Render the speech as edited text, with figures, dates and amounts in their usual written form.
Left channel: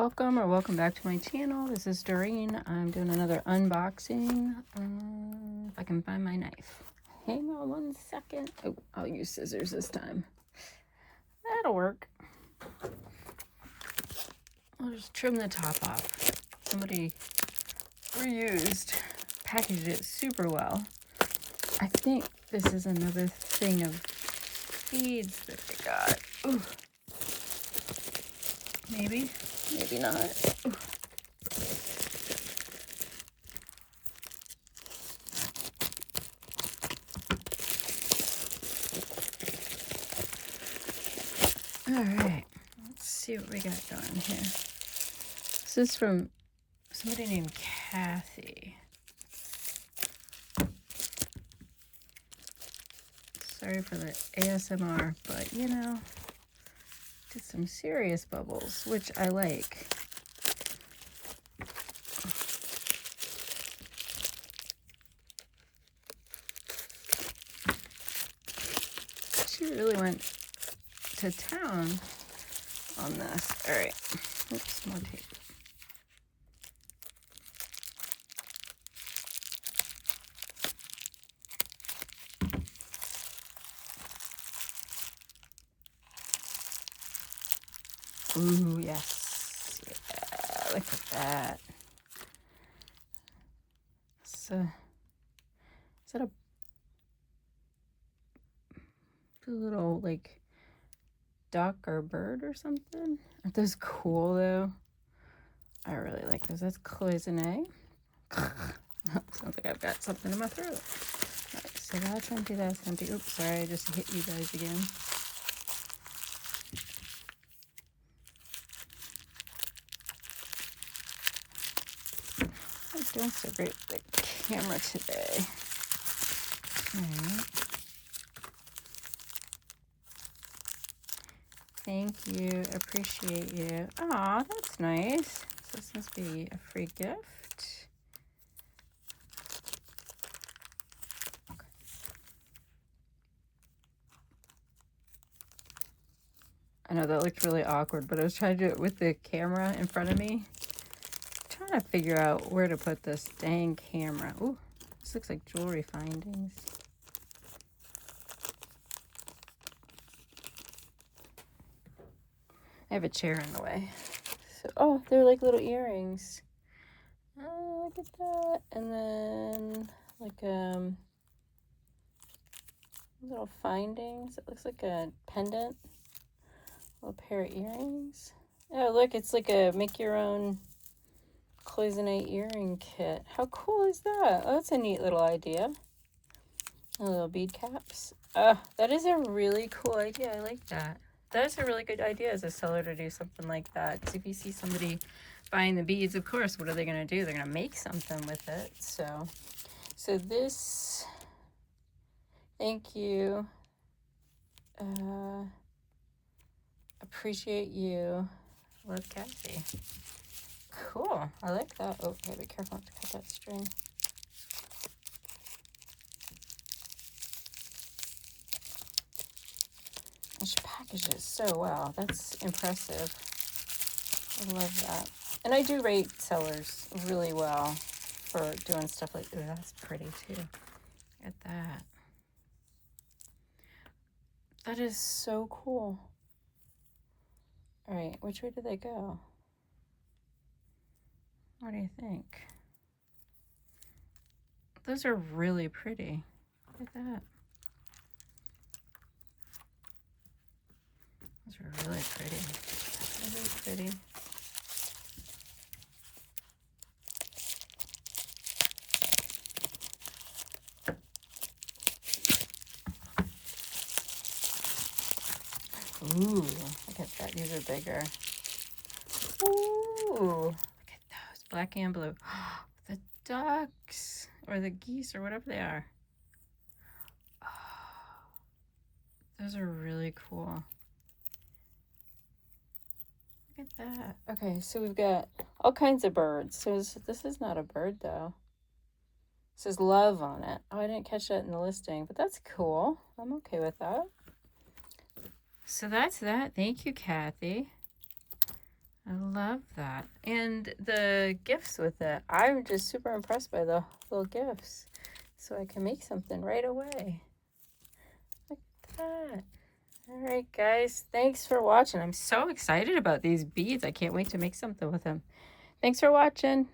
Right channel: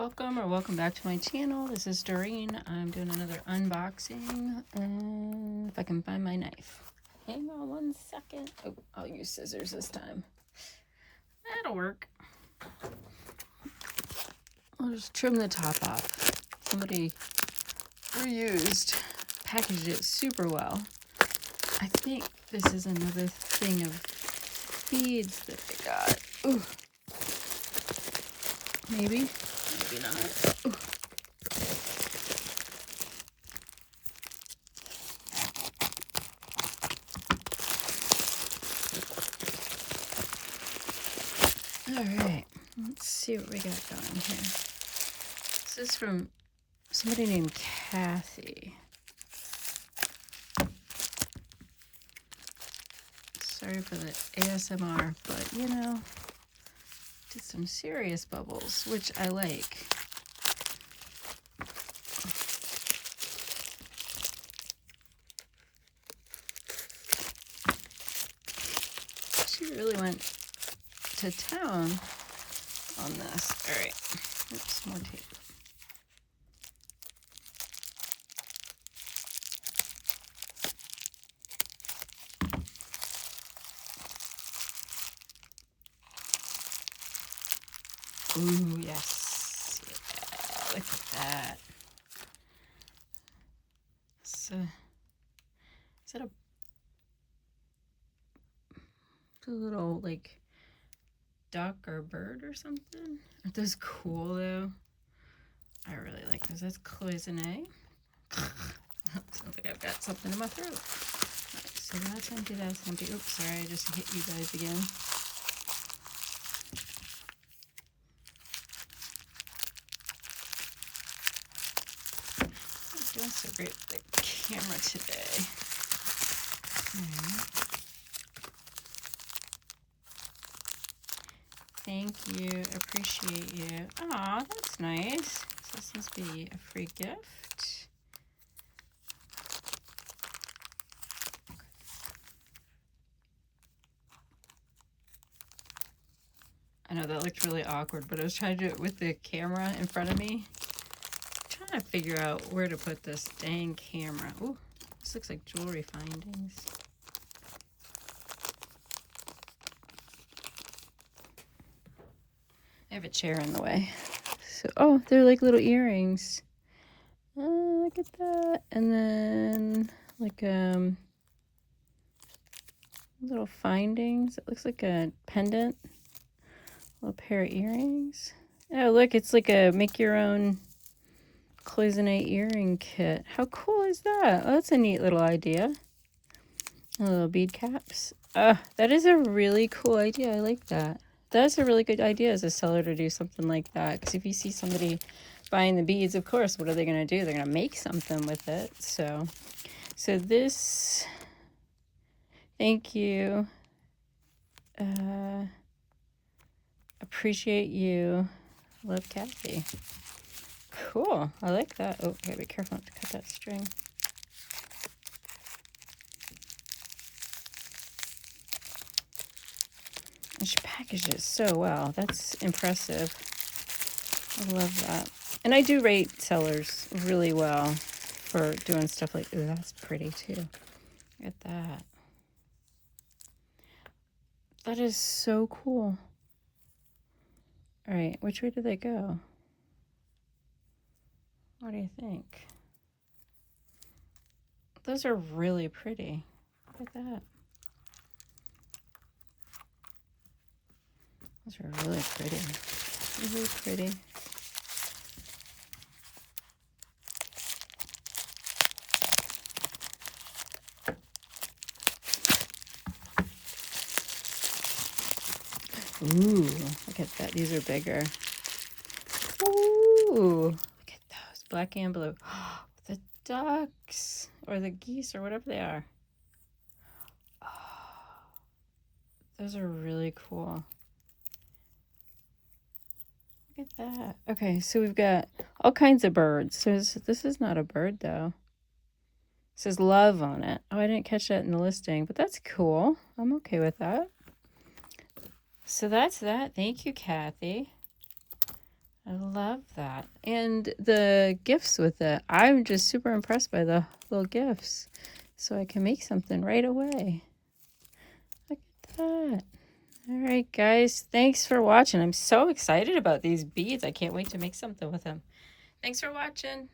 Welcome or welcome back to my channel. This is Doreen. I'm doing another unboxing. If I can find my knife. Hang on 1 second. Oh, I'll use scissors this time. That'll work. I'll just trim the top off. Somebody reused, packaged it super well. I think this is another thing of beads that I got. Ooh. Maybe not. Ooh. All right, let's see what we got going here. This is from somebody named Kathy. Sorry for the ASMR, but you know, did some serious bubbles, which I like. She really went to town on this. All right, oops, more tape. Ooh, yes. Yeah, look at that. So, is that a little, like, duck or bird or something? Aren't those cool, though? I really like those. That's cloisonné. Sounds like I've got something in my throat. All right, so that's empty, that's empty. Oops, sorry, I just hit you guys again. I'm doing so great with the camera today. All right. Thank you. Appreciate you. Aw, that's nice. So this must be a free gift. Okay. I know that looked really awkward, but I was trying to do it with the camera in front of me. I'm trying to figure out where to put this dang camera. Ooh, this looks like jewelry findings. I have a chair in the way. So, oh, they're like little earrings. Oh, look at that. And then, like, little findings. It looks like a pendant. A little pair of earrings. Oh, look, it's like a make your own cloisonné earring kit. How cool is that? Oh, that's a neat little idea. Little bead caps. That is a really cool idea. I like that. That's a really good idea as a seller to do something like that. Because if you see somebody buying the beads, of course, what are they going to do? They're going to make something with it. So this, thank you. Appreciate you. Love Kathy. Cool. I like that. Oh, okay, be careful not to cut that string. She packaged it so well. That's impressive. I love that. And I do rate sellers really well for doing stuff like, ooh, that's pretty too. Look at that. That is so cool. All right, which way did they go? What do you think? Those are really pretty. Look at that. Those are really pretty. Really pretty. Ooh, look at that. These are bigger. Ooh, look at those. Black and blue. The ducks or the geese or whatever they are. Oh, those are really cool. Look at that. Okay, so we've got all kinds of birds. So this is not a bird though. It says love on it. Oh, I didn't catch that in the listing, but that's cool. I'm okay with that. So that's that. Thank you, Kathy. I love that. And the gifts with it. I'm just super impressed by the little gifts. So I can make something right away. Look at that. All right, guys. Thanks for watching. I'm so excited about these beads. I can't wait to make something with them. Thanks for watching.